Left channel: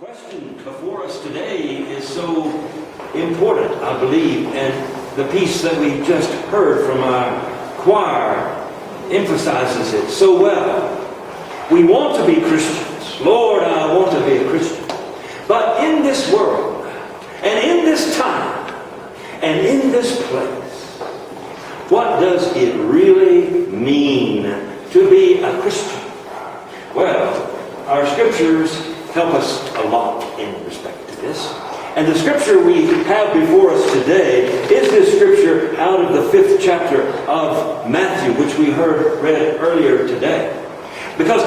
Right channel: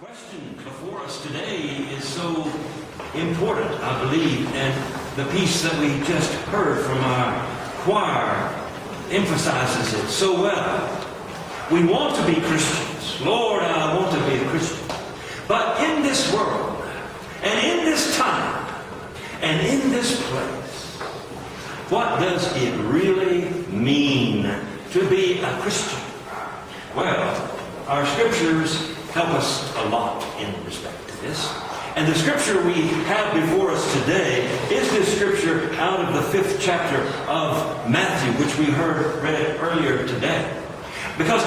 question before us today is so important, I believe, and the piece that we just heard from our choir emphasizes it so well. We want to be Christians. Lord, I want to be a Christian. But in this world, and in this time, and in this place, what does it really mean to be a Christian? Well, our scriptures help us a lot in respect to this. And the scripture we have before us today is this scripture out of the 5th chapter of Matthew, which we read earlier today. Because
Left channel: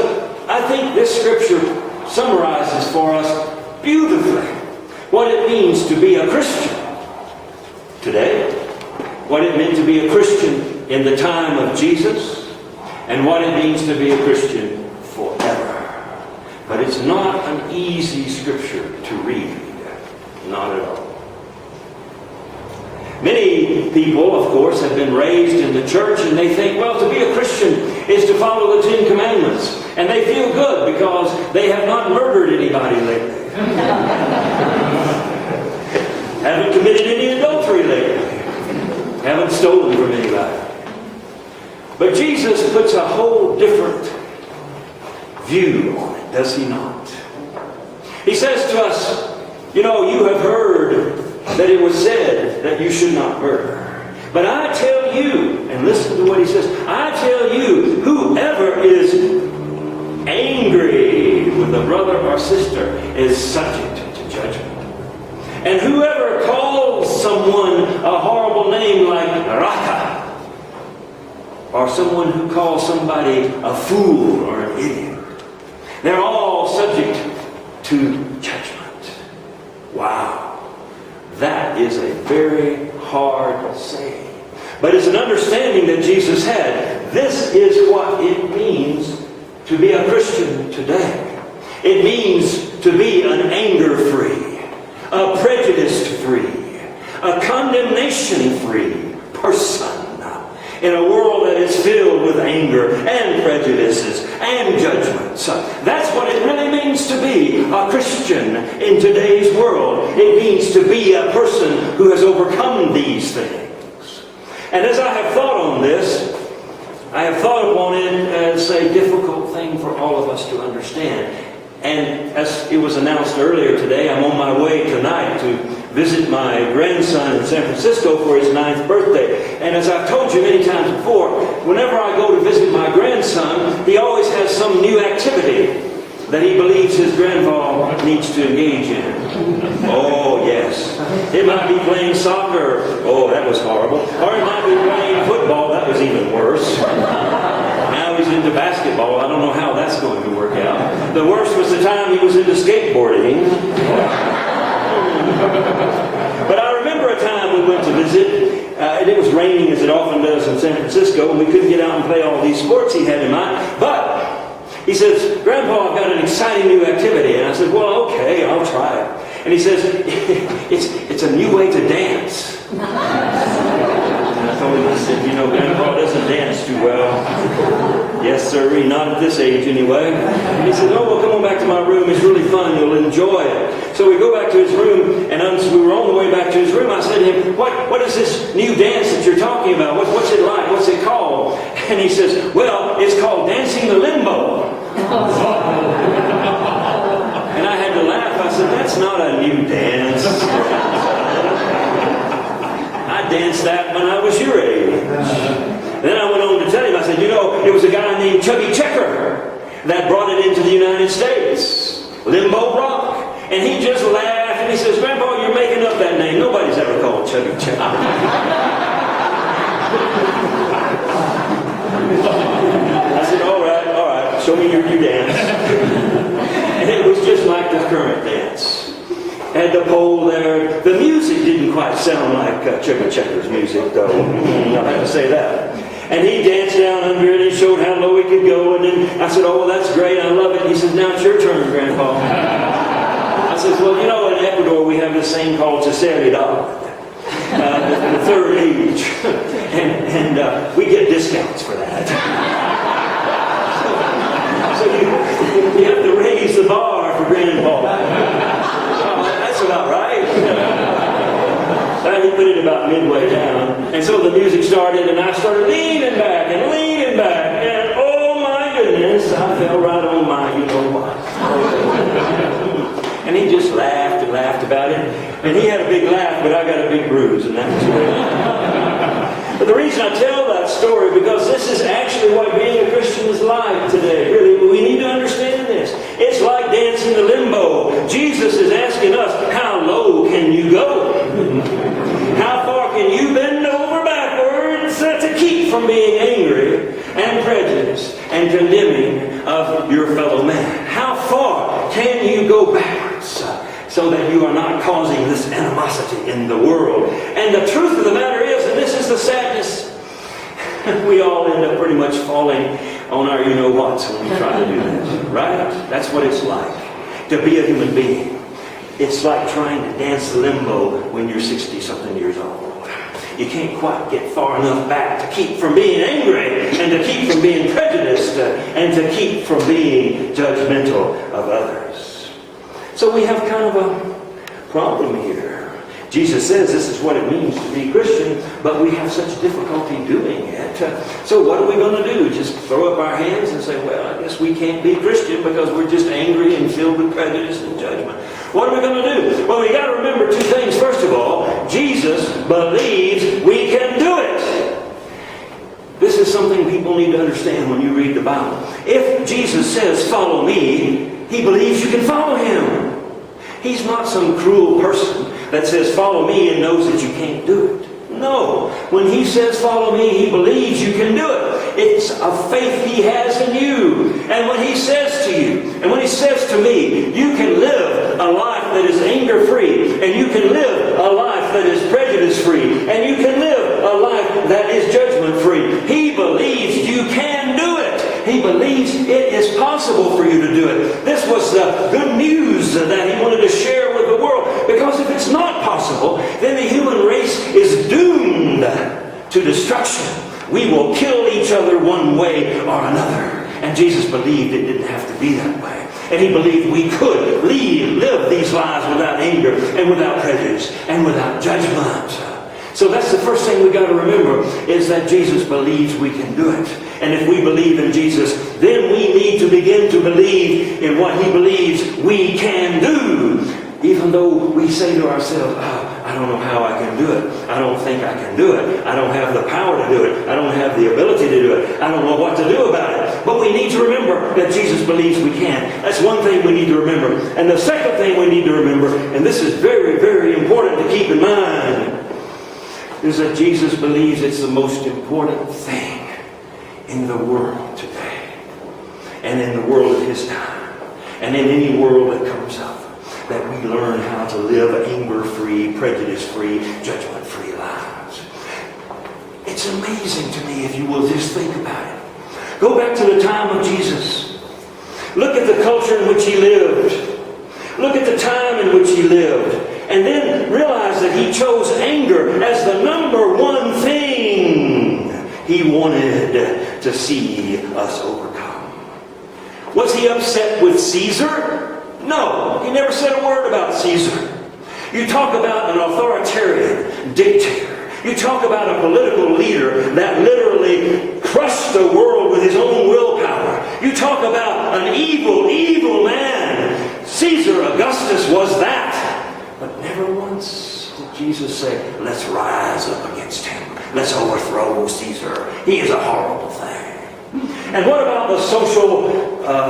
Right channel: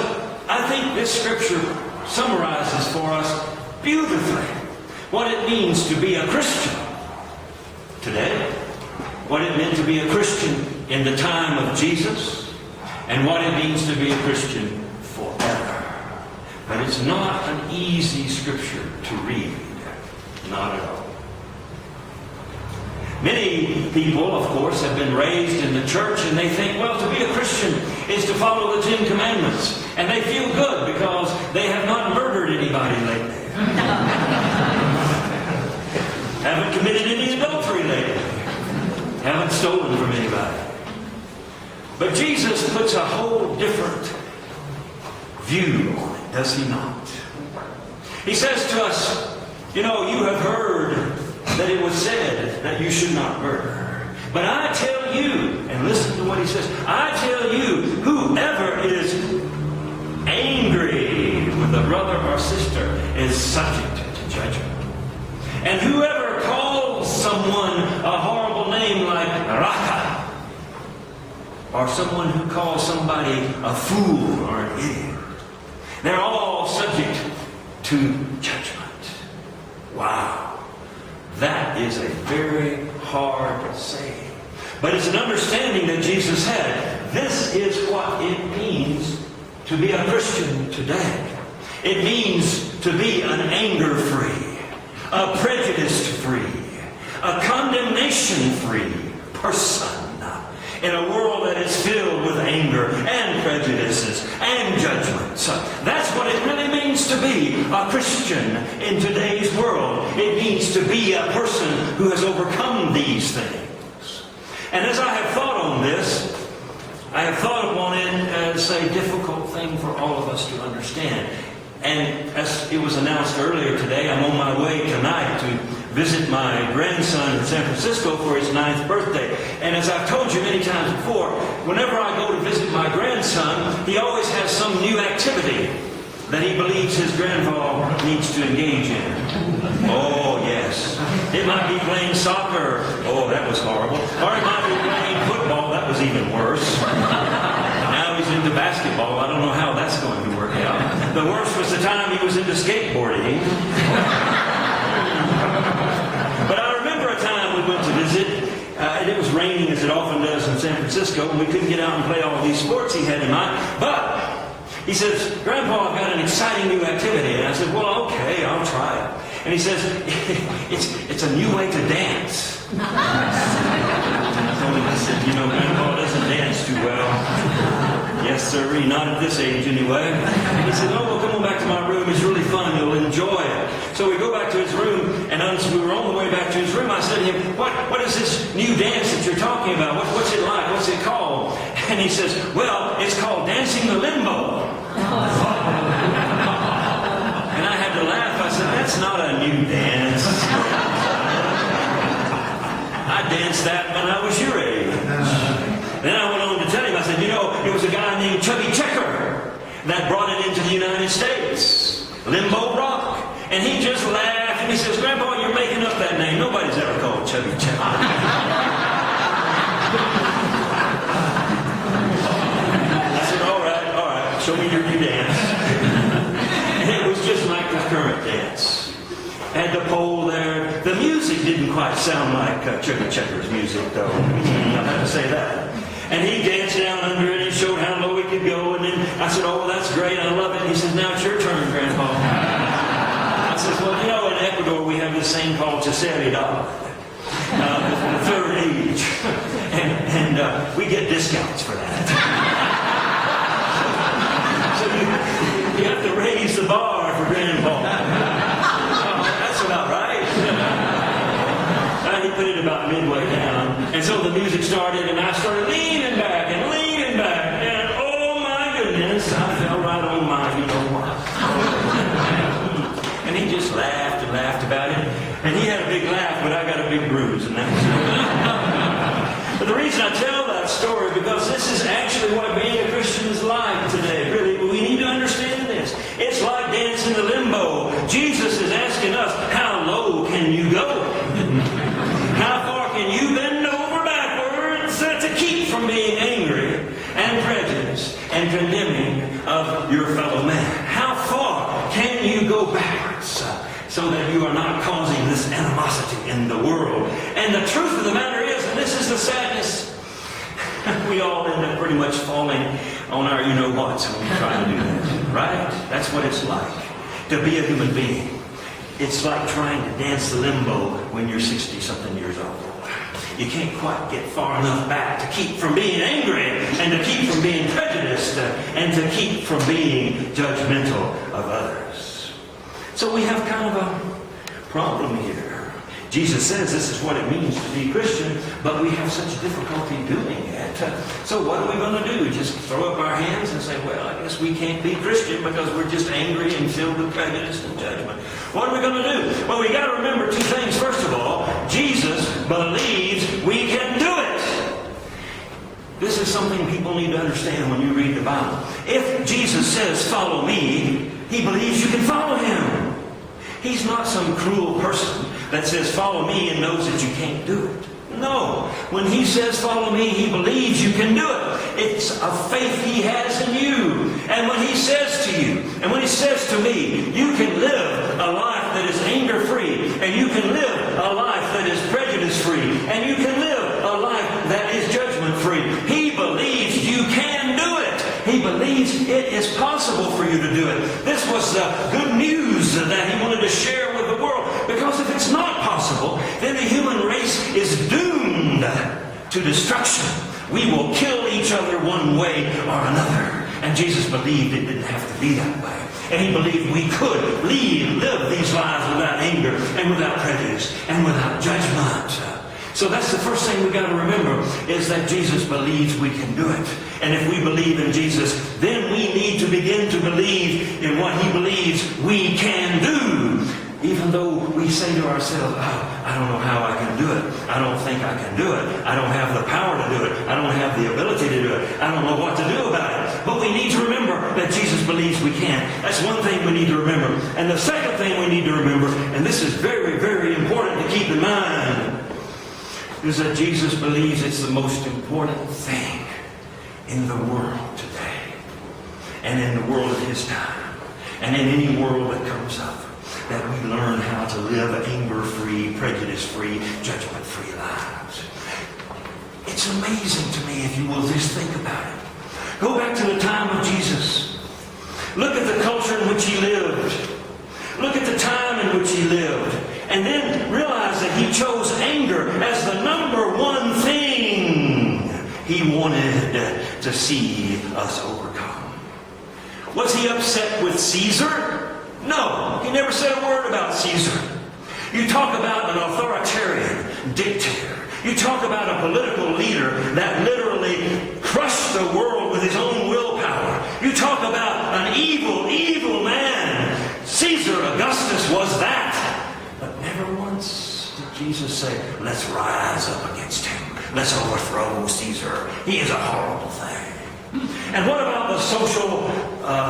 I think this scripture summarizes for us beautifully what it means to be a Christian today, what it meant to be a Christian in the time of Jesus, and what it means to be a Christian forever. But it's not an easy scripture to read. Not at all. Many people, of course, have been raised in the church and they think, well, to be a Christian is to follow the 10 Commandments. And they feel good because they have not murdered anybody lately. Haven't committed any adultery lately. Haven't stolen from anybody. But Jesus puts a whole different view on it, does he not? He says to us, you know, you have heard that it was said that you should not murder. But I tell you, and listen to what he says, I tell you, whoever is angry with a brother or sister is subject to judgment. And whoever calls someone a horrible name like Raka, or someone who calls somebody a fool or an idiot, they're all subject to judgment. Wow. That is a very hard saying. But it's an understanding that Jesus had. This is what it means to be a Christian today. It means to be an anger-free, a prejudice-free, a condemnation-free person in a world that is filled with anger and prejudices and judgments. That's what it really means to be a Christian in today's world. It means to be a person who has overcome these things. And as I have thought on this, I have thought upon it as a difficult thing for all of us to understand. And as it was announced earlier today, I'm on my way tonight to visit my grandson in San Francisco for his 9th birthday. And as I've told you many times before, whenever I go to visit my grandson, he always has some new activity that he believes his grandpa needs to engage in. Oh, yes. It might be playing soccer. Oh, that was horrible. Or it might be playing football. That was even worse. Now he's into basketball. I don't know how that's going to work out. The worst was the time he was into skateboarding. But I remember a time we went to visit, and it was raining as it often does in San Francisco, and we couldn't get out and play all these sports he had in mind. But he says, Grandpa, I've got an exciting new activity. And I said, well, okay, I'll try it. And he says, it's a new way to dance. And I told him, I said, you know, Grandpa doesn't dance too well. Yes, sir, not at this age anyway. And he said, oh, well, come on back to my room. It's really fun. You'll enjoy it. So we go back to his room, and as we were on the way back to his room, I said to him, what is this new dance that you're talking about? What's it like? What's it called? And he says, well, it's called Dancing the Limbo. And I had to laugh. I said, that's not a new dance. I danced that when I was your age. Then I went on to tell him, I said, you know, it was a guy named Chubby Checker that brought it into the United States. Limbo Rock. And he just laughed and he says, Grandpa, you're making up that name. Nobody's ever called Chubby Checker. I said, all right, show me your new dance. And it was just like the current dance. Had the pole there. The music didn't quite sound like Chubby Checker's music, though. I'll have to say that. And he danced down under it. He showed how low he could go. And then I said, oh, well, that's great. I love it. He says, now it's your turn, Grandpa. I said, well, you know, in Ecuador, we have this thing called tercera edad, the third age. And we get discounts for that. So you have to raise the bar for Grandpa. Well, he put it about midway down. And so the music started, and I started leaning back. And oh my goodness, I fell right on my you-know-what. And he just laughed and laughed about it. And he had a big laugh, but I got a big bruise, and that was it. But the reason I tell that story, because this is actually what being a Christian is like today. Really, we need to understand this. It's like dancing the limbo. Jesus is asking us, how low can you go? How far can you bend over backwards to keep from being angry and prejudiced and condemning of your fellow man? How far can you go backwards so that you are not causing this animosity in the world? And the truth of the matter is, and this is the sadness, we all end up pretty much falling on our you-know-whats when we try to do that, right? That's what it's like to be a human being. It's like trying to dance the limbo when you're 60-something years old. You can't quite get far enough back to keep from being angry and to keep from being prejudiced and to keep from being judgmental of others. So we have kind of a problem here. Jesus says this is what it means to be Christian, but we have such difficulty doing it. So what are we going to do? Just throw up our hands and say, well, I guess we can't be Christian because we're just angry and filled with prejudice and judgment. What are we going to do? Well, we got to remember two things. First of all, Jesus believes we can do it. This is something people need to understand when you read the Bible. If Jesus says, follow me, he believes you can follow him. He's not some cruel person that says, follow me, and knows that you can't do it. No. When he says, follow me, he believes you can do it. It's a faith he has in you. And when he says to you, and when he says to me, you can live a life that is anger-free, and you can live a life that is prejudice-free, and you can live a life that is judgment-free. He believes you can do it. He believes it is possible for you to do it. This was the good news that he wanted to share with the world. Because if it's not possible, then the human race is doomed to destruction. We will kill each other one way or another. And Jesus believed it didn't have to be that way. And he believed we could live these lives without anger and without prejudice and without judgment. So that's the first thing we've got to remember, is that Jesus believes we can do it. And if we believe in Jesus, then we need to begin to believe in what he believes we can do. Even though we say to ourselves, oh, I don't know how I can do it. I don't think I can do it. I don't have the power to do it. I don't have the ability to do it. I don't know what to do about it. But we need to remember that Jesus believes we can. That's one thing we need to remember. And the second thing we need to remember, and this is very, very important to keep in mind, is that Jesus believes it's the most important thing in the world today, and in the world of his time, and in any world that comes up, that we learn how to live anger-free, prejudice-free, judgment-free lives. It's amazing to me if you will just think about it. Go back to the time of Jesus. Look at the culture in which he lived. Look at the time in which he lived. And then realize that he chose anger as the number one thing he wanted to see us overcome. Was he upset with Caesar? No, he never said a word about Caesar. You talk about an authoritarian dictator. You talk about a political leader that literally crushed the world with his own willpower. You talk about an evil, evil man. Caesar Augustus was that. But never once did Jesus say, let's rise up against him. Let's overthrow Caesar. He is a horrible thing. And what about the social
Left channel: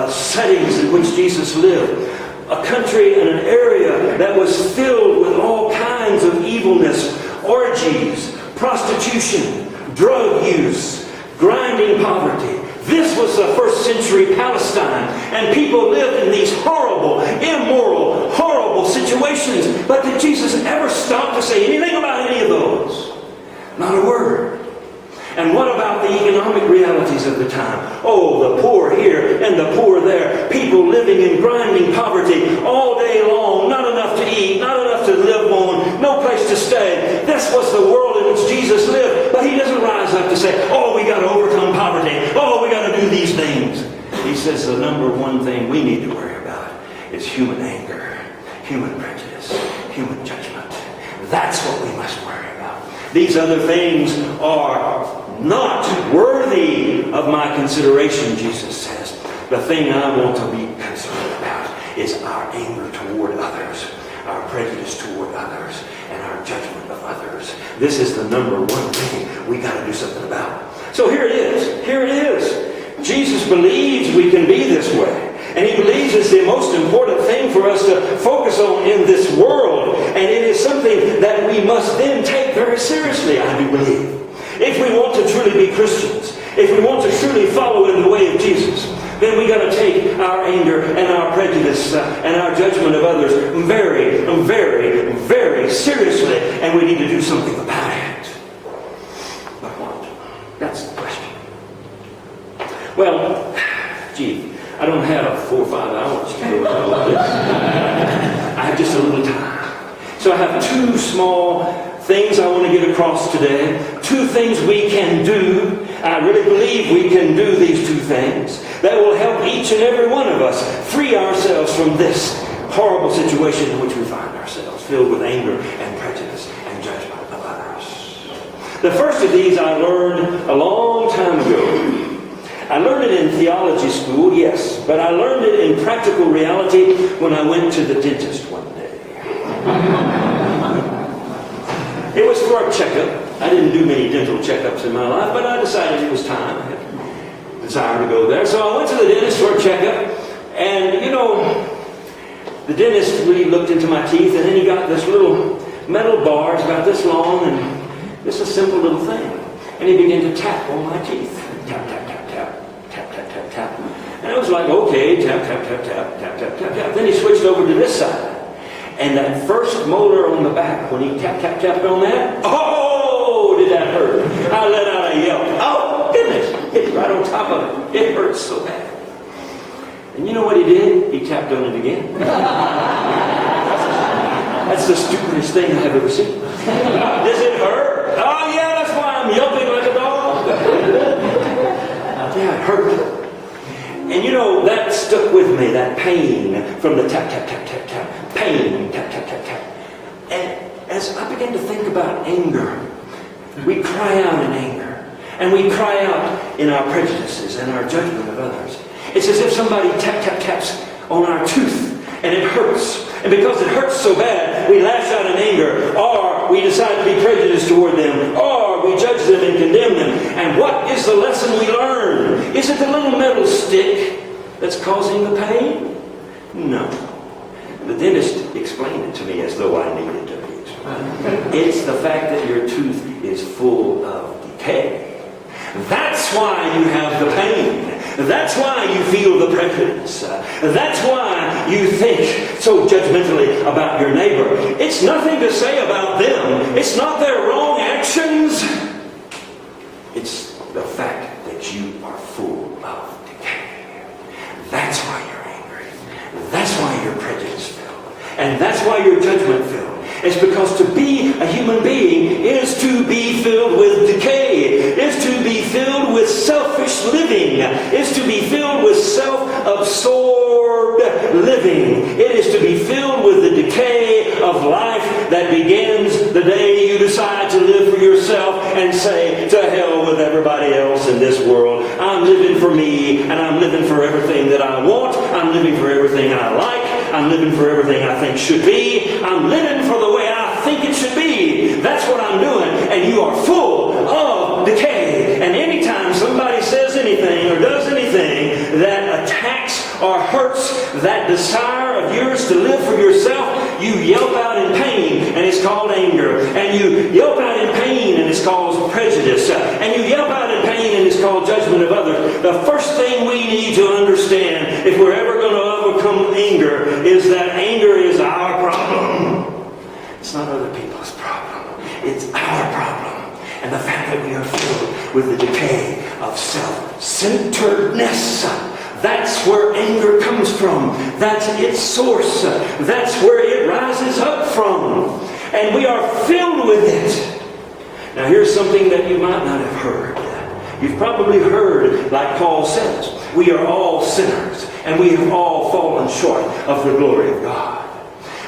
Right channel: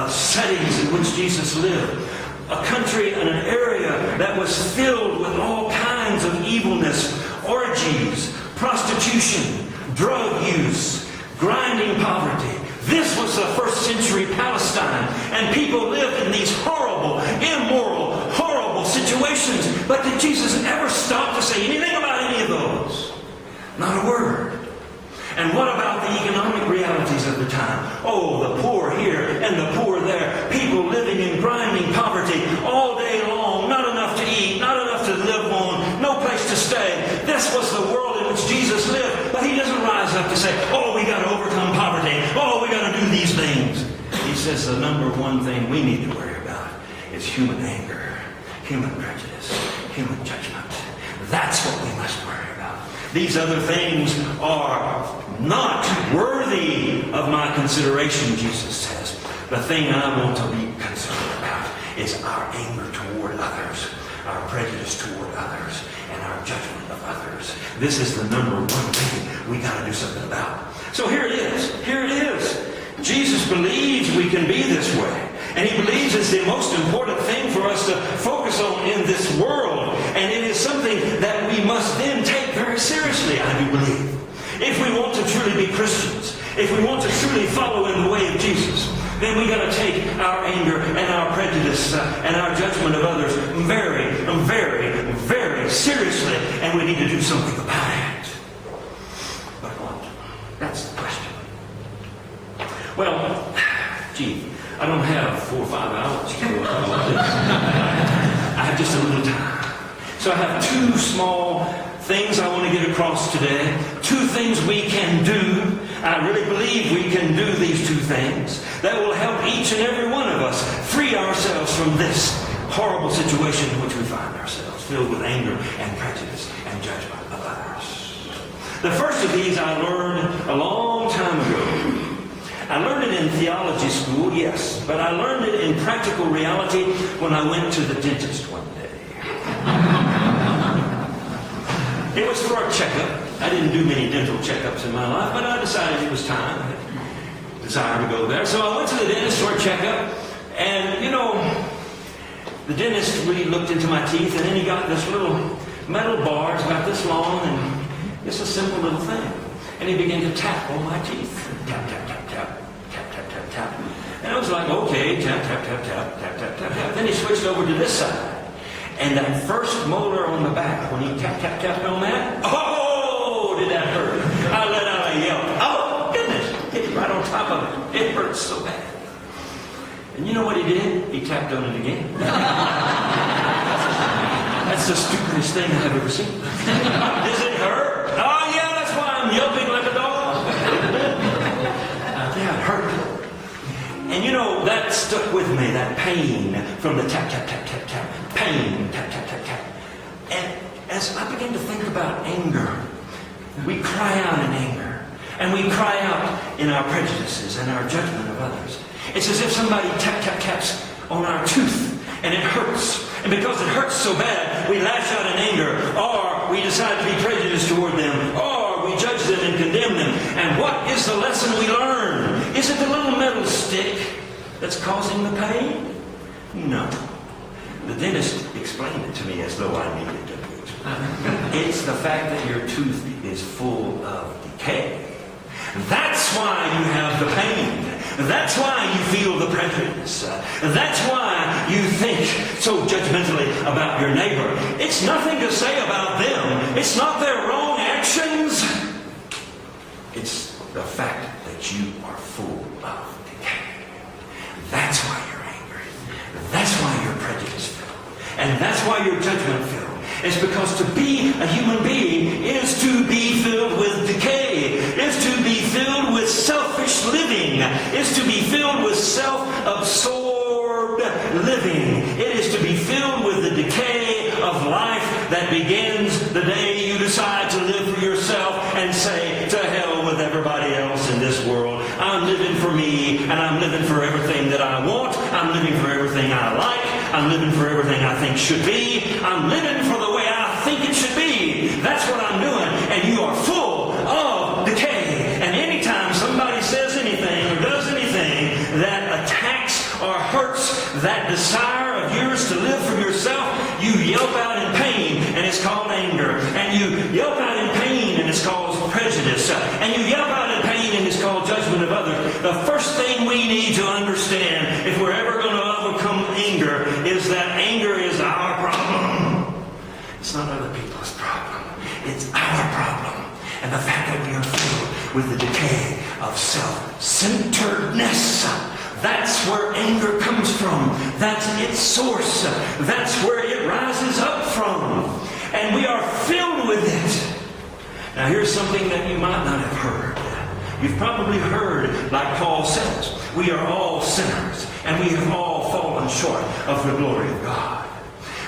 settings in which Jesus lived? A country and an area that was filled with all kinds of evilness, orgies, prostitution, drug use, grinding poverty. This was the first century Palestine, and people lived in these horrible, immoral, horrible situations. But did Jesus ever stop to say anything about any of those? Not a word. And what about the economic realities of the time? Oh, the poor here and the poor there. People living in grinding poverty all day long. Not enough to eat, not enough to live on, no place to stay. This was the world in which Jesus lived. But he doesn't rise up to say, oh, we got to overcome poverty. Oh, we got to do these things. He says the number one thing we need to worry about is human anger, human prejudice, human judgment. That's what we must worry about. These other things are not worthy of my consideration, Jesus says. The thing I want to be concerned about is our anger toward others, our prejudice toward others, and our judgment of others. This is the number one thing we got to do something about. So here it is. Here it is. Jesus believes we can be this way. And he believes it's the most important thing for us to focus on in this world. And it is something that we must then take very seriously, I do believe. If we want to truly be Christians, if we want to truly follow in the way of Jesus, then we got to take our anger and our prejudice and our judgment of others very, very, very seriously. And we need to do something about it. But what? That's the question. Well, gee, I don't have 4 or 5 hours to go with all of this. I have just a little time. So I have 2 small things I want to get across today. 2 things we can do. I really believe we can do these 2 things that will help each and every one of us free ourselves from this horrible situation in which we find ourselves, filled with anger and prejudice and judgment of others. The first of these I learned a long time ago. I learned it in theology school, yes, but I learned it in practical reality when I went to the dentist one day. It was for a checkup. I didn't do many dental checkups in my life, but I decided it was time. I had a desire to go there. So I went to the dentist for a checkup, and, the dentist really looked into my teeth, and then he got this little metal bars about this long, and just a simple little thing. And he began to tap on my teeth. Tap, tap, tap, tap, tap, tap, tap, tap. And I was like, okay, tap, tap, tap, tap, tap, tap, tap, tap. Then he switched over to this side. And that first molar on the back, when he tap, tap, tapped on that, oh, did that hurt. I let out a yelp. Oh, goodness. Hit right on top of it. It hurts so bad. And you know what he did? He tapped on it again. That's the stupidest thing I've ever seen. Does it hurt? Oh, yeah, that's why I'm yelping like a dog. Yeah, it hurt. And that stuck with me, that pain from the tap, tap, tap, tap, tap. Pain, tap, tap, tap, tap. And as I began to think about anger, we cry out in anger. And we cry out in our prejudices and our judgment of others. It's as if somebody tap, tap, taps on our tooth, and it hurts. And because it hurts so bad, we lash out in anger, or we decide to be prejudiced toward them, or we judge them and condemn them. And what is the lesson we learn? Is it the little metal stick that's causing the pain? No. The dentist explained it to me as though I needed to be explained. It's the fact that your tooth is full of decay. That's why you have the pain. That's why you feel the prejudice. That's why you think so judgmentally about your neighbor. It's nothing to say about them. It's not their wrong actions. It's the fact that you are full of decay. That's why you're angry. That's why you're prejudice-filled. And that's why you're judgment-filled. It's because to be a human being is to be filled with decay, is to be filled with selfish living, is to be filled with self-absorbed living. It is to be filled with the decay of life that begins the day you decide to live for yourself and say, to hell with everybody else in this world. I'm living for me, and I'm living for everything that I want. I'm living for everything I like. I'm living for everything I think should be. I'm living for the way I think it should be. That's what I'm doing. And you are full of decay. And anytime somebody says anything or does anything that attacks or hurts that desire of yours to live for yourself, you yelp out in pain, and it's called anger. And you yelp out in pain, and it's called prejudice. And you yelp out in pain, and it's called judgment of others. The first thing we need to understand, if we're ever going to overcome anger, is that anger is our problem. It's not other people's problem. It's our problem. And the fact that we are filled with the decay of self-centeredness, that's where anger comes from. That's its source. That's where it rises up from. And we are filled with it. Now here's something that you might not have heard. You've probably heard, like Paul says, we are all sinners, and we have all fallen short of the glory of God.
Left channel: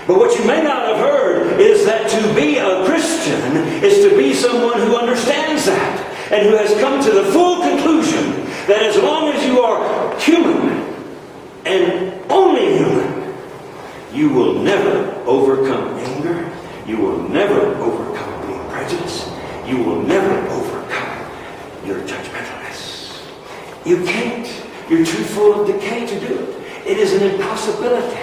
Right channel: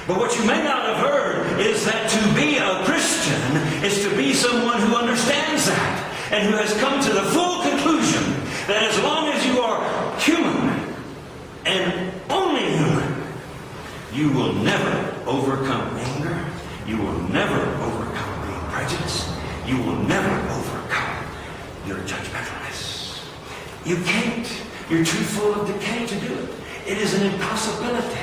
But what you may not have heard is that to be a Christian is to be someone who understands that and who has come to the full conclusion that as long as you are human and only human, you will never overcome anger. You will never overcome being prejudiced. You will never overcome your judgmentalness. You can't. You're too full of decay to do it. It is an impossibility.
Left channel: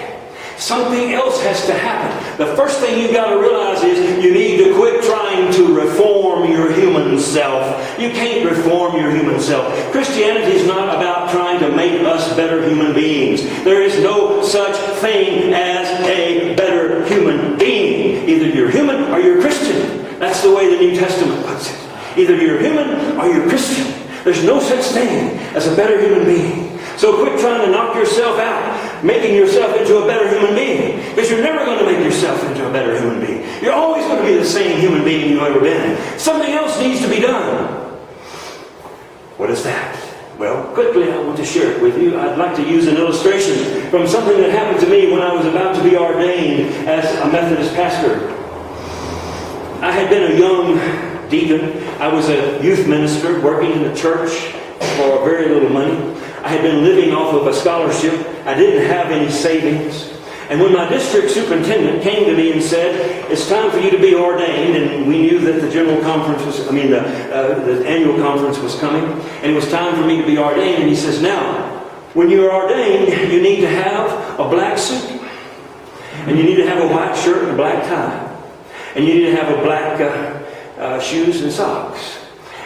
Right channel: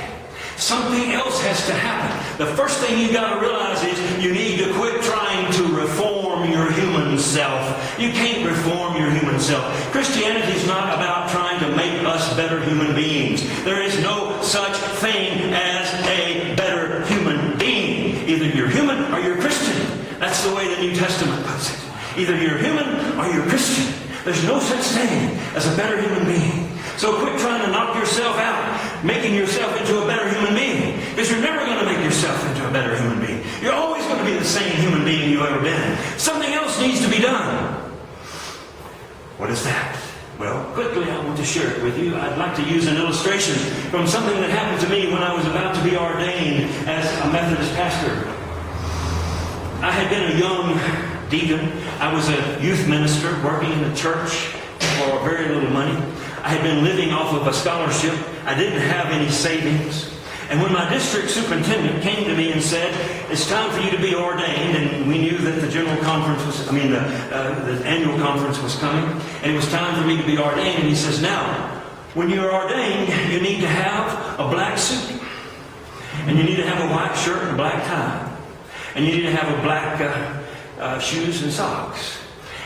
Something else has to happen. The first thing you've got to realize is you need to quit trying to reform your human self. You can't reform your human self. Christianity is not about trying to make us better human beings. There is no such thing as a better human being. Either you're human or you're Christian. That's the way the New Testament puts it. Either you're human or you're Christian. There's no such thing as a better human being. So quit trying to knock yourself out, making yourself into a better human being. Because you're never going to make yourself into a better human being. You're always going to be the same human being you've ever been. Something else needs to be done. What is that? Well, quickly I want to share it with you. I'd like to use an illustration from something that happened to me when I was about to be ordained as a Methodist pastor. I had been a young deacon. I was a youth minister working in the church for very little money. I had been living off of a scholarship. I didn't have any savings. And when my district superintendent came to me and said, it's time for you to be ordained, and we knew that the general conference was, the annual conference was coming, and it was time for me to be ordained, and he says, now, when you're ordained, you need to have a black suit, and you need to have a white shirt and a black tie, and you need to have a black shoes and socks.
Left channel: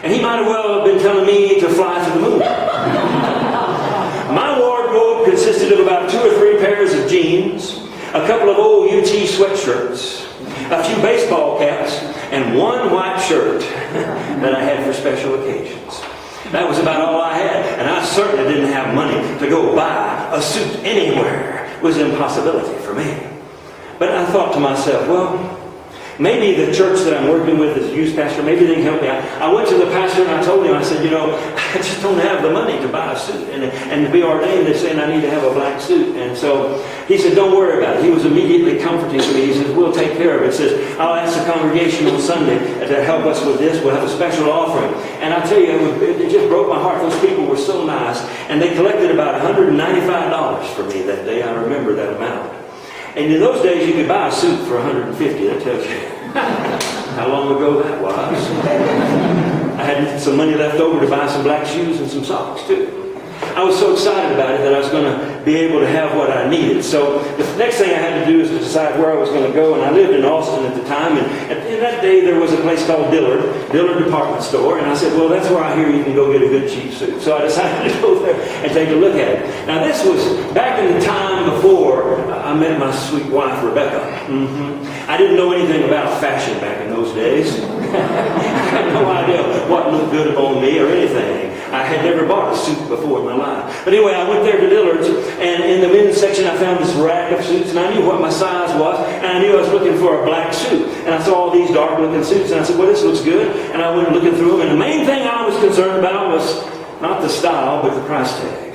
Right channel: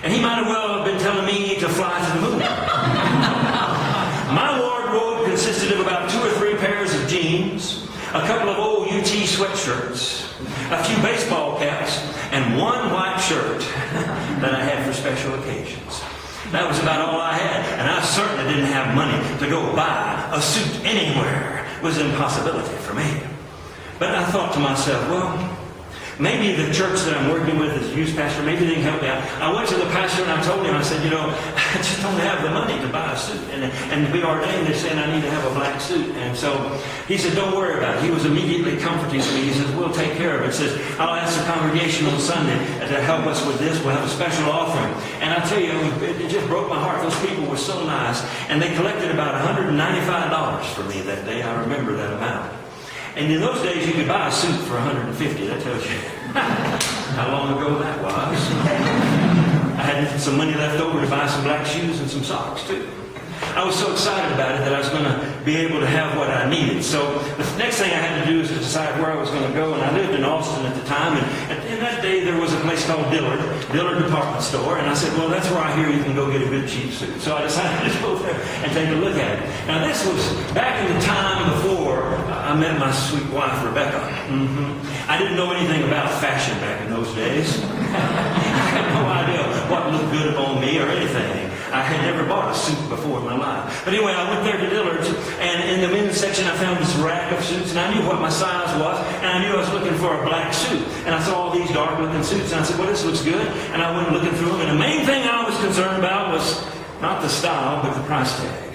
And he might as well have been telling me to fly to the moon. My wardrobe consisted of about 2 or 3 pairs of jeans, a couple of old UT sweatshirts, a few baseball caps, and one white shirt that I had for special occasions. That was about all I had. And I certainly didn't have money to go buy a suit anywhere. It was an impossibility for me. But I thought to myself, well, maybe the church that I'm working with as a youth pastor, maybe they can help me out. I went to the pastor and I told him, I said, I just don't have the money to buy a suit. And to be ordained, they're saying I need to have a black suit. And so he said, don't worry about it. He was immediately comforting to me. He says, we'll take care of it. He says, I'll ask the congregation on Sunday to help us with this. We'll have a special offering. And I tell you, it just broke my heart. Those people were so nice. And they collected about $195 for me that day. I remember that amount. And in those days, you could buy a suit for $150. That tells you how long ago that was. I had some money left over to buy some black shoes and some socks, too. I was so excited about it that I was going to be able to have what I needed. So the next thing I had to do was to decide where I was going to go. And I lived in Austin at the time. And in that day, there was a place called Dillard Department Store. And I said, well, that's where I hear you can go get a good cheap suit. So I decided to go there and take a look at it. Now, this was back in the time before I met my sweet wife, Rebecca. I didn't know anything about fashion back in those days. I had no idea what looked good on me or anything. I had never bought a suit before in my life. But anyway, I went there to Dillard's, and in the men's section I found this rack of suits, and I knew what my size was, and I knew I was looking for a black suit. And I saw all these dark-looking suits, and I said, well, this looks good. And I went looking through them, and the main thing I was concerned about was not the style, but the price tag.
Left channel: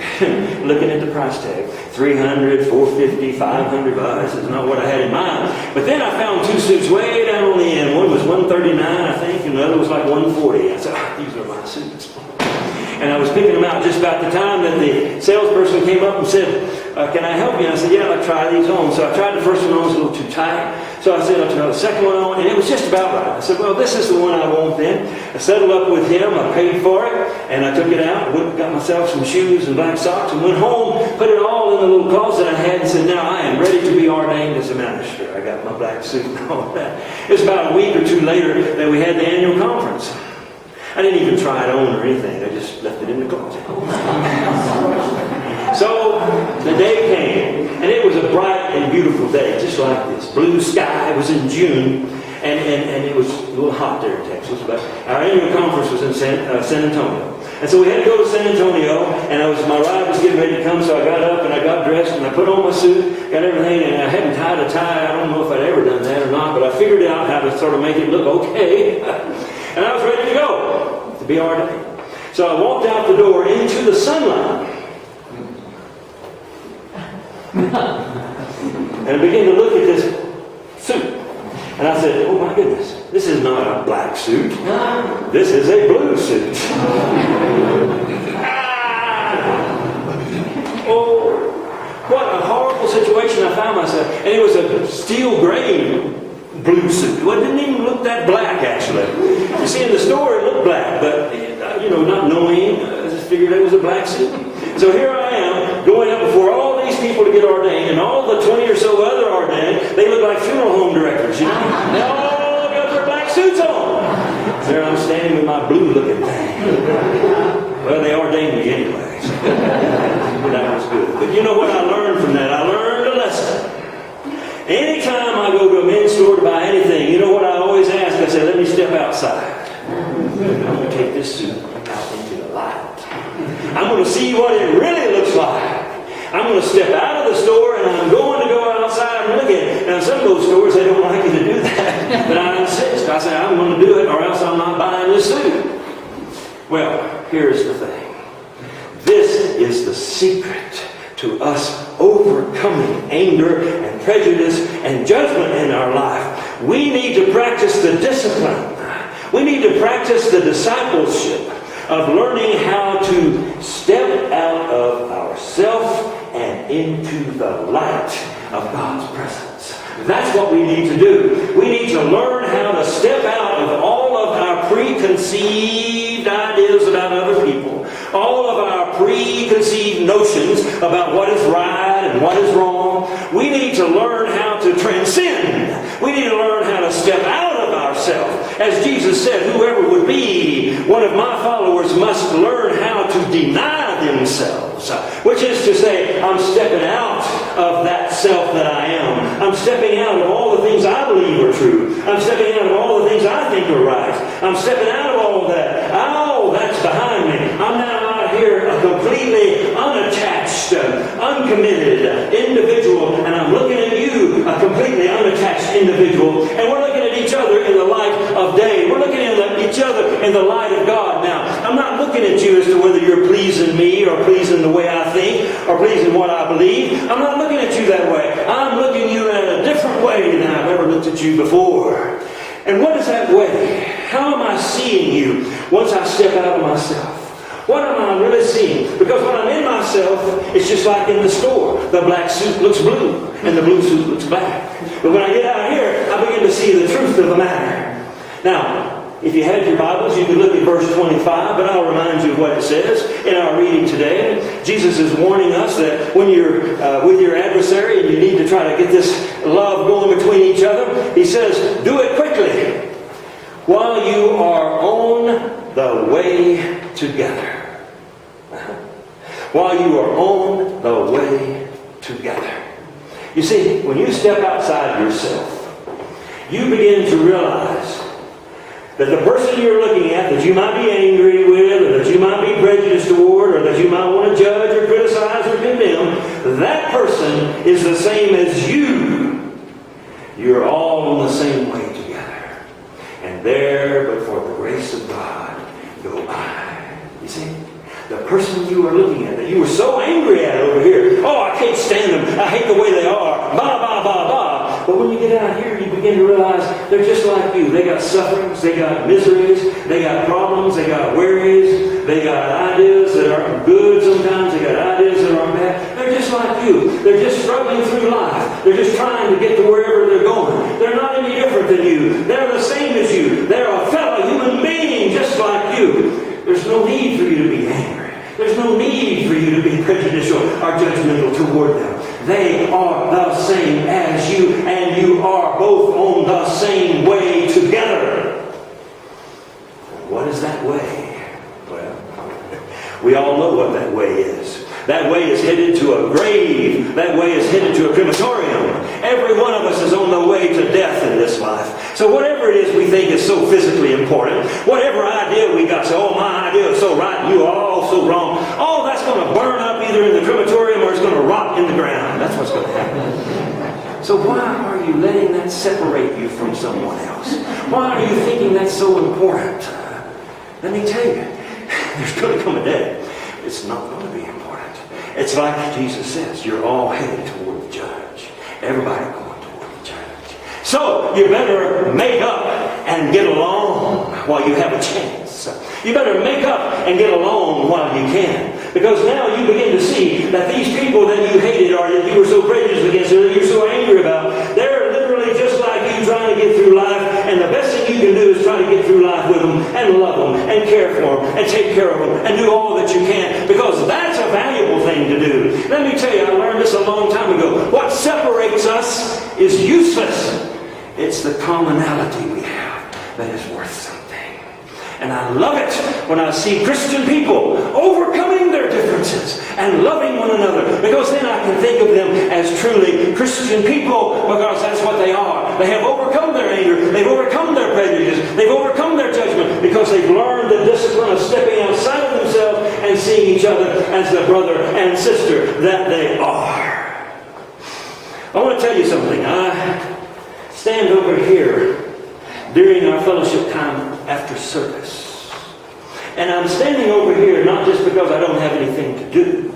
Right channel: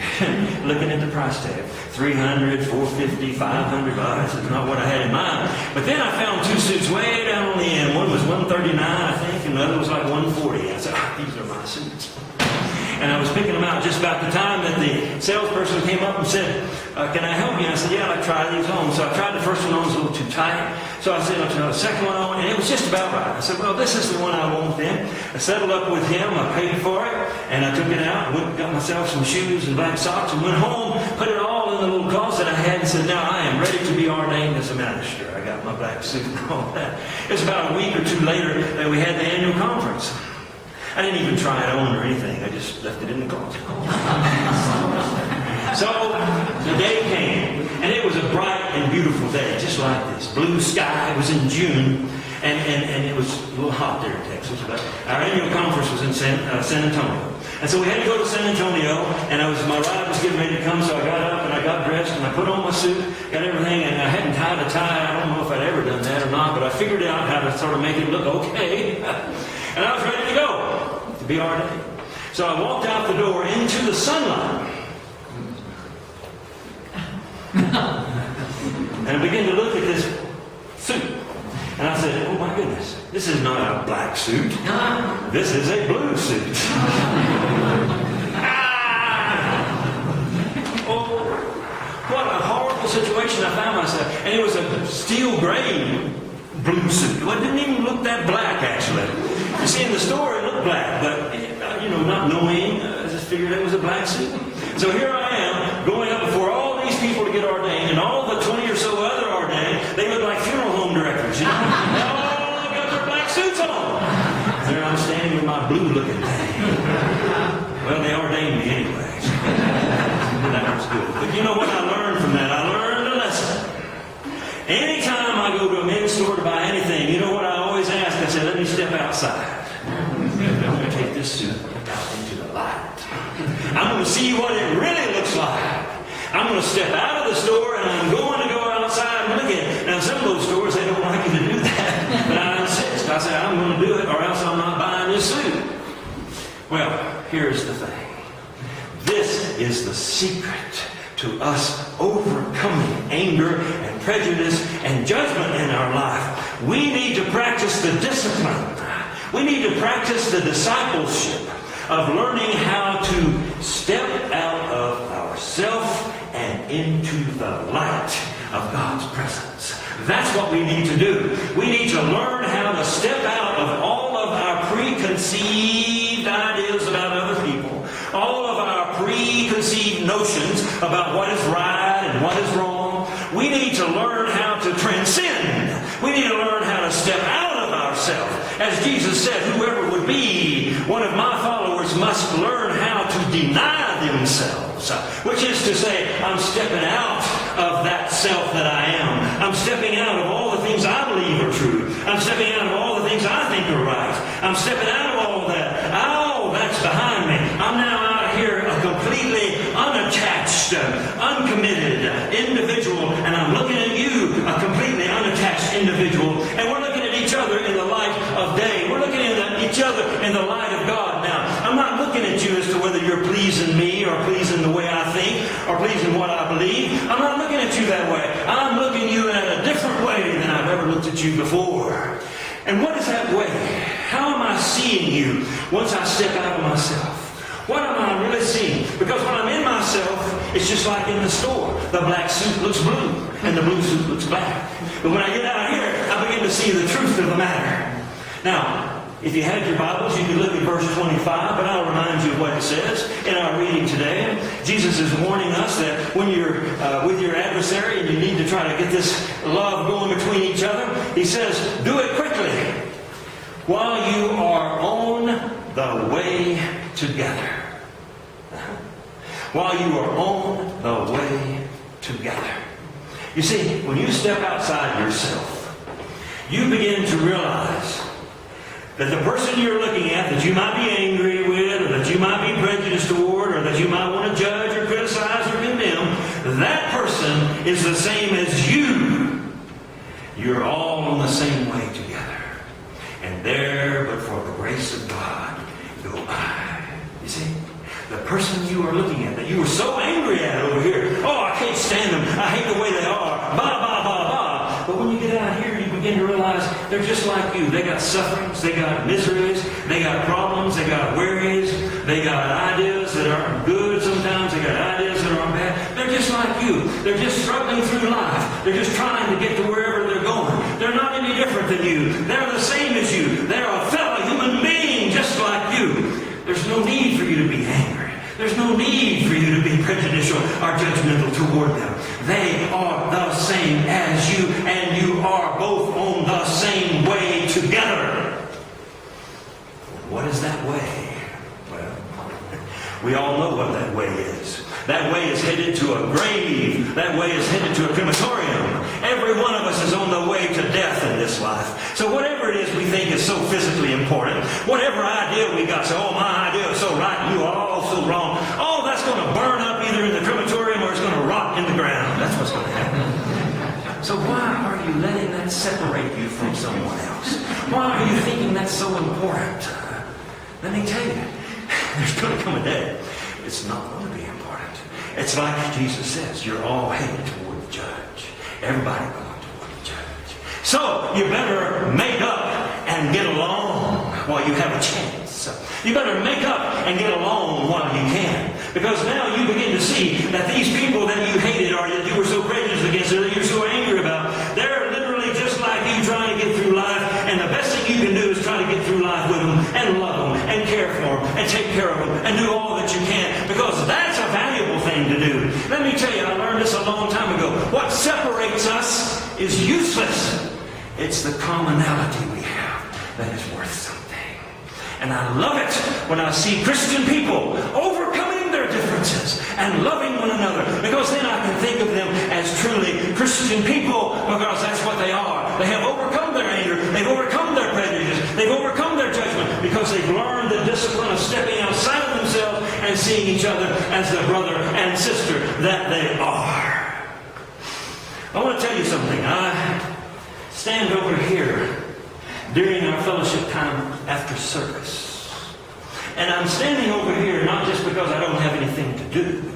Looking at the price tag. $300, $450, $500. This is not what I had in mind. But then I found 2 suits way down on the end. One was $139, I think, and the other was like $140. I said, these are my suits. And I was picking them out just about the time that the salesperson came up and said, can I help you? And I said, yeah, I'll try these on. So I tried the first one on, it was a little too tight. So I said, I'll try the second one on, and it was just about right. I said, well, this is the one I want then. I settled up with him, I paid for it, and I took it out, went and got myself some shoes and black socks, and went home, put it all in the little closet I had, and said, now I am ready to be ordained as a minister. I got my black suit and all that. It was about a week or 2 later that we had the annual conference. I didn't even try it on or anything. I just left it in the closet. So the day came, and it was a bright and beautiful day, just like this. Blue sky. It was in June, and it was a little hot there in Texas. But our annual conference was in San Antonio. And so we had to go to San Antonio, and my ride was getting ready to come, so I got up and I got dressed and I put on my suit, got everything, and I hadn't tied a tie. I don't know if I'd ever done that or not, but I figured out how to sort of make it look okay. And I was ready to go to be ordained. So I walked out the door into the sunlight. And I began to look at this And I said, oh my goodness, this is not a black suit. This is a blue suit. Oh, what a horrible situation I found myself. And it was a steel gray blue suit. Well, it didn't even look that black, actually. You see, in the store it looked black, but, not knowing, I just figured it was a black suit. So here I am, going up before all these people to get ordained, and all the 20 or so other ordained, they look like funeral home directors, They all got their black suits on. There I'm standing with my blue-looking thing. Well, they ordained me anyway. So that was good. But you know what I learned from that? I learned a lesson. Anytime I go to a men's store to buy anything, you know what I always ask? I say, let me step outside. I'm going to take this suit out into the light. I'm going to see what it really looks like. I'm going to step out of the store and I'm going to go outside and look at it. Now, some of those stores, they don't like you to do that. But I insist. I say, I'm going to do it or else I'm not buying this suit. Well, here's the thing. This is the secret to us overcoming anger and prejudice and judgment in our life. We need to practice the discipline. We need to practice the discipleship of learning how to step out of ourself and into the light of God's presence. That's what we need to do. We need to learn how to step out of all of our preconceived ideas about other people, all of our preconceived notions about what is right and what is wrong. We need to learn how to transcend. We need to learn how to step out of ourselves. As Jesus said, whoever would be one of my followers must learn how to deny themselves, which is to say, I'm stepping out of that self that I am. I'm stepping out of all the things I believe are true. I'm stepping out of all the things I think are right. I'm stepping out of all of that. Oh, that's behind me. I'm now out here a completely unattached, uncommitted individual, and I'm looking at you, a completely unattached individual, and we're looking at each other in the light of day. We're looking at each other in the light of God. Now, I'm not looking at you as to whether you're pleasing me or pleasing the way I think or pleasing what I believe. I'm not looking at you that way. I'm looking at you in a different way than I've ever looked at you before. And what is that way? How am I seeing you once I step out of myself? What am I really seeing? Because when I'm in myself, it's just like in the store. The black suit looks blue, and the blue suit looks black. But when I get out here, I begin to see the truth of the matter. Now, if you had your Bibles, you could look at verse 25, but I'll remind you of what it says in our reading today. Jesus is warning us that when you're with your adversary and you need to try to get this love going between each other, he says, do it quickly while you are on the way together. While you are on the way together. You see, when you step outside yourself, you begin to realize that the person you're looking at that you might be angry with, or that you might be prejudiced toward, or that you might want to judge or criticize or condemn, that person is the same as you. You're all on the same way together. And there, but for the grace of God, go I. You see? The person you are looking at, that you were so angry at over here. Oh, I can't stand them. I hate the way they are. Bah, bah, bah, bah. But when you get out here, you begin to realize they're just like you. They got sufferings. They got miseries. They got problems. They got worries. They got ideas that are good sometimes. They got ideas that are bad. They're just like you. They're just struggling through life. They're just trying to get to wherever they're going. They're not any different than you. They're the same as you. They're a fellow human being just like you. There's no need for you to be angry. There's no need for you to be prejudicial or judgmental toward them. They are the same as you, and you are both on the same way together. What is that way? Well, we all know what that way is. That way is headed to a grave. That way is headed to a crematorium. Every one of us is on the way to death in this life. So whatever it is we think is so physically important, whatever idea we got, so, oh, my idea is so right, you are all so wrong, all that's going to burn up either in the crematorium or it's going to rot in the ground. That's what's going to happen. So why are you letting that separate you from someone else? Why are you thinking that's so important? Let me tell you, there's going to come a day it's not going to be important. It's like Jesus says, you're all headed toward the judge. Everybody going toward the judge. So you better make up and get along while you have a chance. You better make up and get along while you can. Because now you begin to see that these people that you hated or that you were so prejudiced against or that you're so angry about, they're literally just like you trying to get through life. And the best thing you can do is try to get through life with them and love them and care for them and take care of them and do all that you can. Because that's a valuable thing to do. Let me tell you, I learned this a long time ago. What separates us is useless. It's the commonality we have that is worth something. And I love it when I see Christian people overcoming their differences and loving one another. Because then I can think of them as truly Christian people, because that's what they are. They have overcome their anger. They've overcome their prejudice. They've overcome their judgment because they've learned the discipline of stepping outside of themselves and seeing each other as the brother and sister that they are. I want to tell you something. I stand over here during our fellowship time after service. And I'm standing over here not just because I don't have anything to do.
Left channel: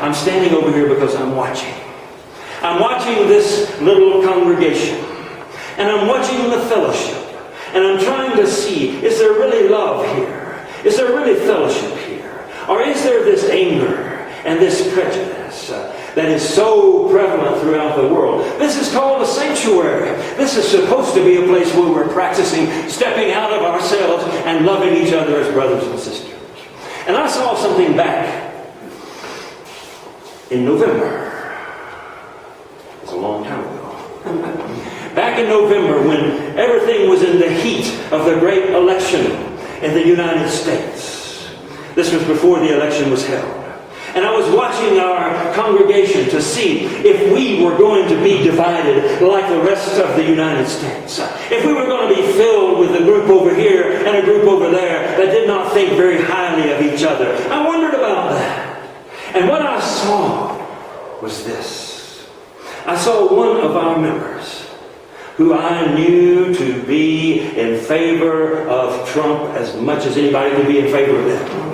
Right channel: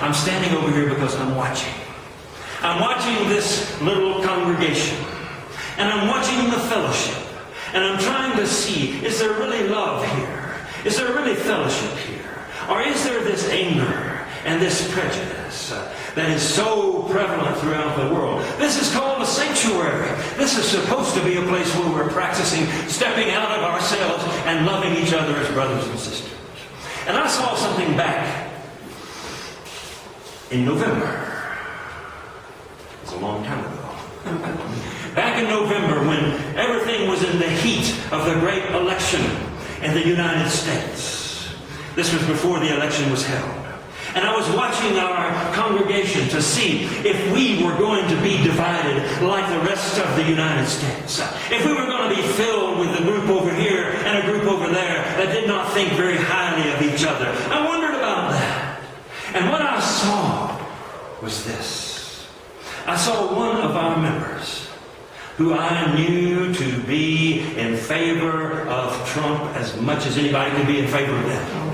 I'm standing over here because I'm watching. I'm watching this little congregation. And I'm watching the fellowship. And I'm trying to see, is there really love here? Is there really fellowship here? Or is there this anger and this prejudice that is so prevalent throughout the world? This is called a sanctuary. This is supposed to be a place where we're practicing stepping out of ourselves and loving each other as brothers and sisters. And I saw something back in November. It's a long time ago. Back in November, when everything was in the heat of the great election in the United States. This was before the election was held. And I was watching our congregation to see if we were going to be divided like the rest of the United States. If we were going to be filled with a group over here and a group over there that did not think very highly of each other. I wondered about that. And what I saw was this. I saw one of our members who I knew to be in favor of Trump as much as anybody could be in favor of them.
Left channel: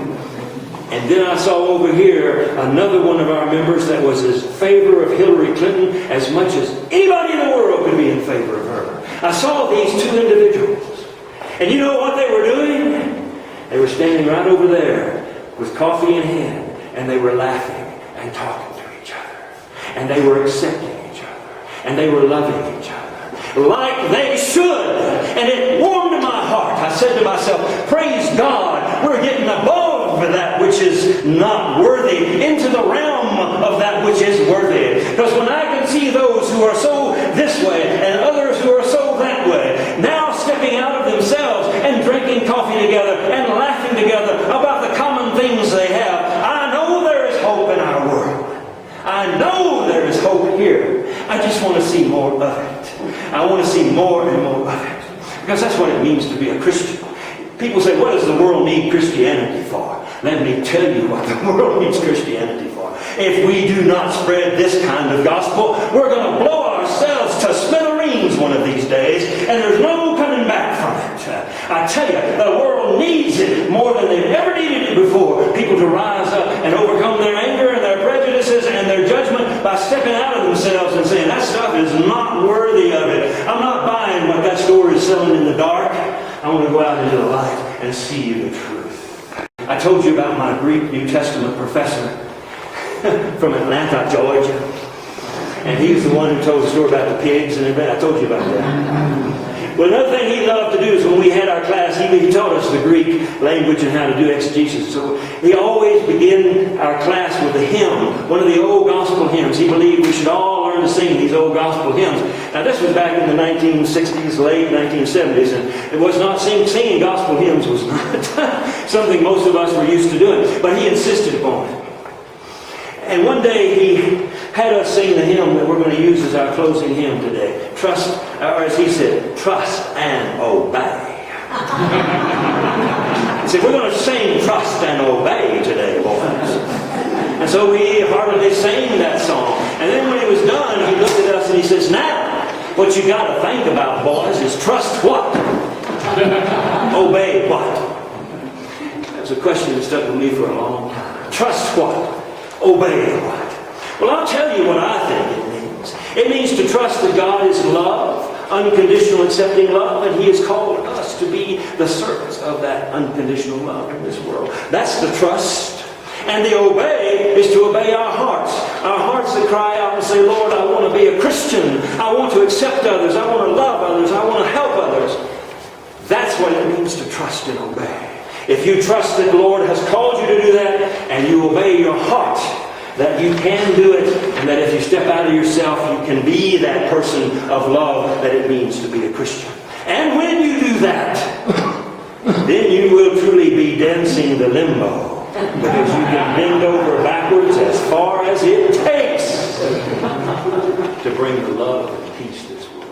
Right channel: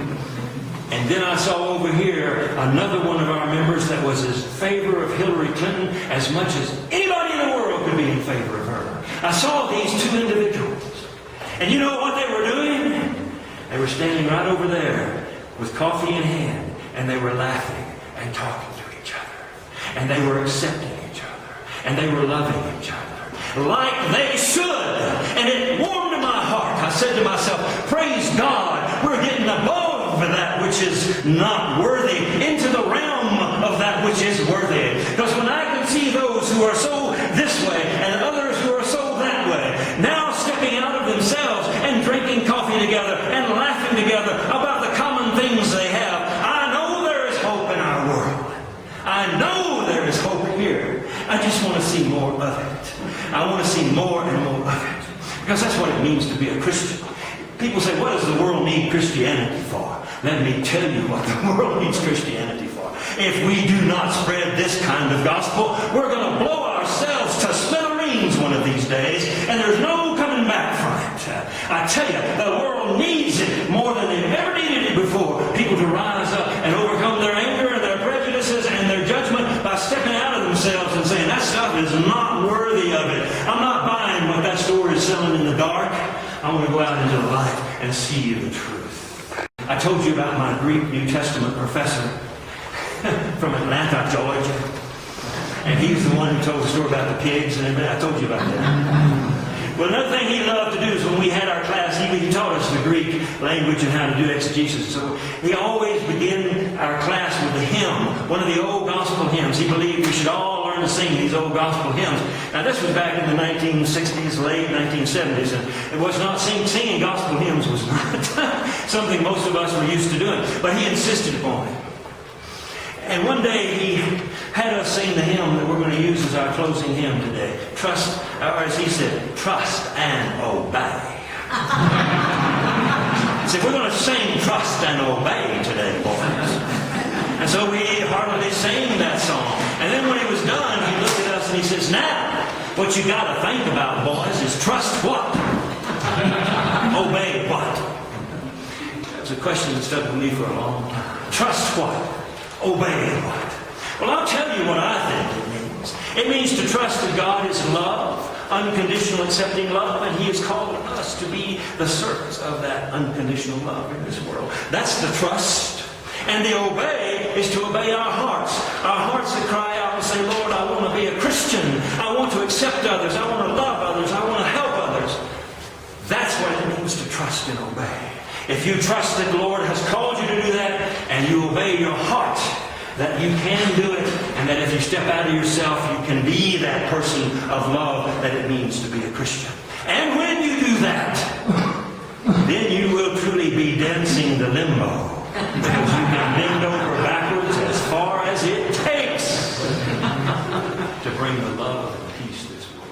And then I saw over here another one of our members that was in favor of Hillary Clinton as much as anybody in the world could be in favor of her. I saw these two individuals. And you know what they were doing? They were standing right over there with coffee in hand. And they were laughing and talking to each other. And they were accepting each other. And they were loving each other. Like they should. And it warmed my heart. I said to myself, praise God, we're getting above that which is not worthy into the realm of that which is worthy. Because when I can see those who are so this way and others who are so that way, now stepping out of themselves and drinking coffee together and laughing together about the common things they have, I know there is hope in our world. I know there is hope here. I just want to see more of it. I want to see more and more of it. Because that's what it means to be a Christian. People say, what does the world need Christianity for? Let me tell you what the world needs Christianity for. If we do not spread this kind of gospel, we're going to blow ourselves to smithereens one of these days, and there's no coming back from it. I tell you, the world needs it more than they've ever needed it before. People to rise up and overcome their anger and their prejudices and their judgment by stepping out of themselves and saying, that stuff is not worthy of it. I'm not buying what that store is selling in the dark. I want to go out into the light and see the truth. I told you about my Greek New Testament professor from Atlanta, Georgia. And he was the one who told the story about the pigs and everything. I told you about that. Well, another thing he loved to do is when we had our class, he taught us the Greek language and how to do exegesis. So he always began our class with a hymn, one of the old gospel hymns. He believed we should all learn to sing these old gospel hymns. Now, this was back in the 1960s, late 1970s, and it was not singing gospel hymns was not something most of us were used to doing, but he insisted upon it. And one day he had us sing the hymn that we're going to use as our closing hymn today. Trust, or as he said, trust and obey. He said, we're going to sing trust and obey today, boys. And so we heartily sang that song. And then when he was done, he looked at us and he says, now, what you got to think about, boys, is trust what? Obey what? That's a question that stuck with me for a long time. Trust what? Obey what? Well, I'll tell you what I think it means. It means to trust that God is love. unconditional accepting love, and He has called us to be the servants of that unconditional love in this world. That's the trust. And the obey is to obey our hearts. Our hearts that cry out and say, Lord, I want to be a Christian. I want to accept others. I want to love others. I want to help others. That's what it means to trust and obey. If you trust that the Lord has called you to do that, and you obey your heart, that you can do it, and that if you step out of yourself, you can be that person of love that it means to be a Christian. And when you do that, then you will truly be dancing the limbo. Because you can bend over backwards as far as it takes to bring the love and peace this world.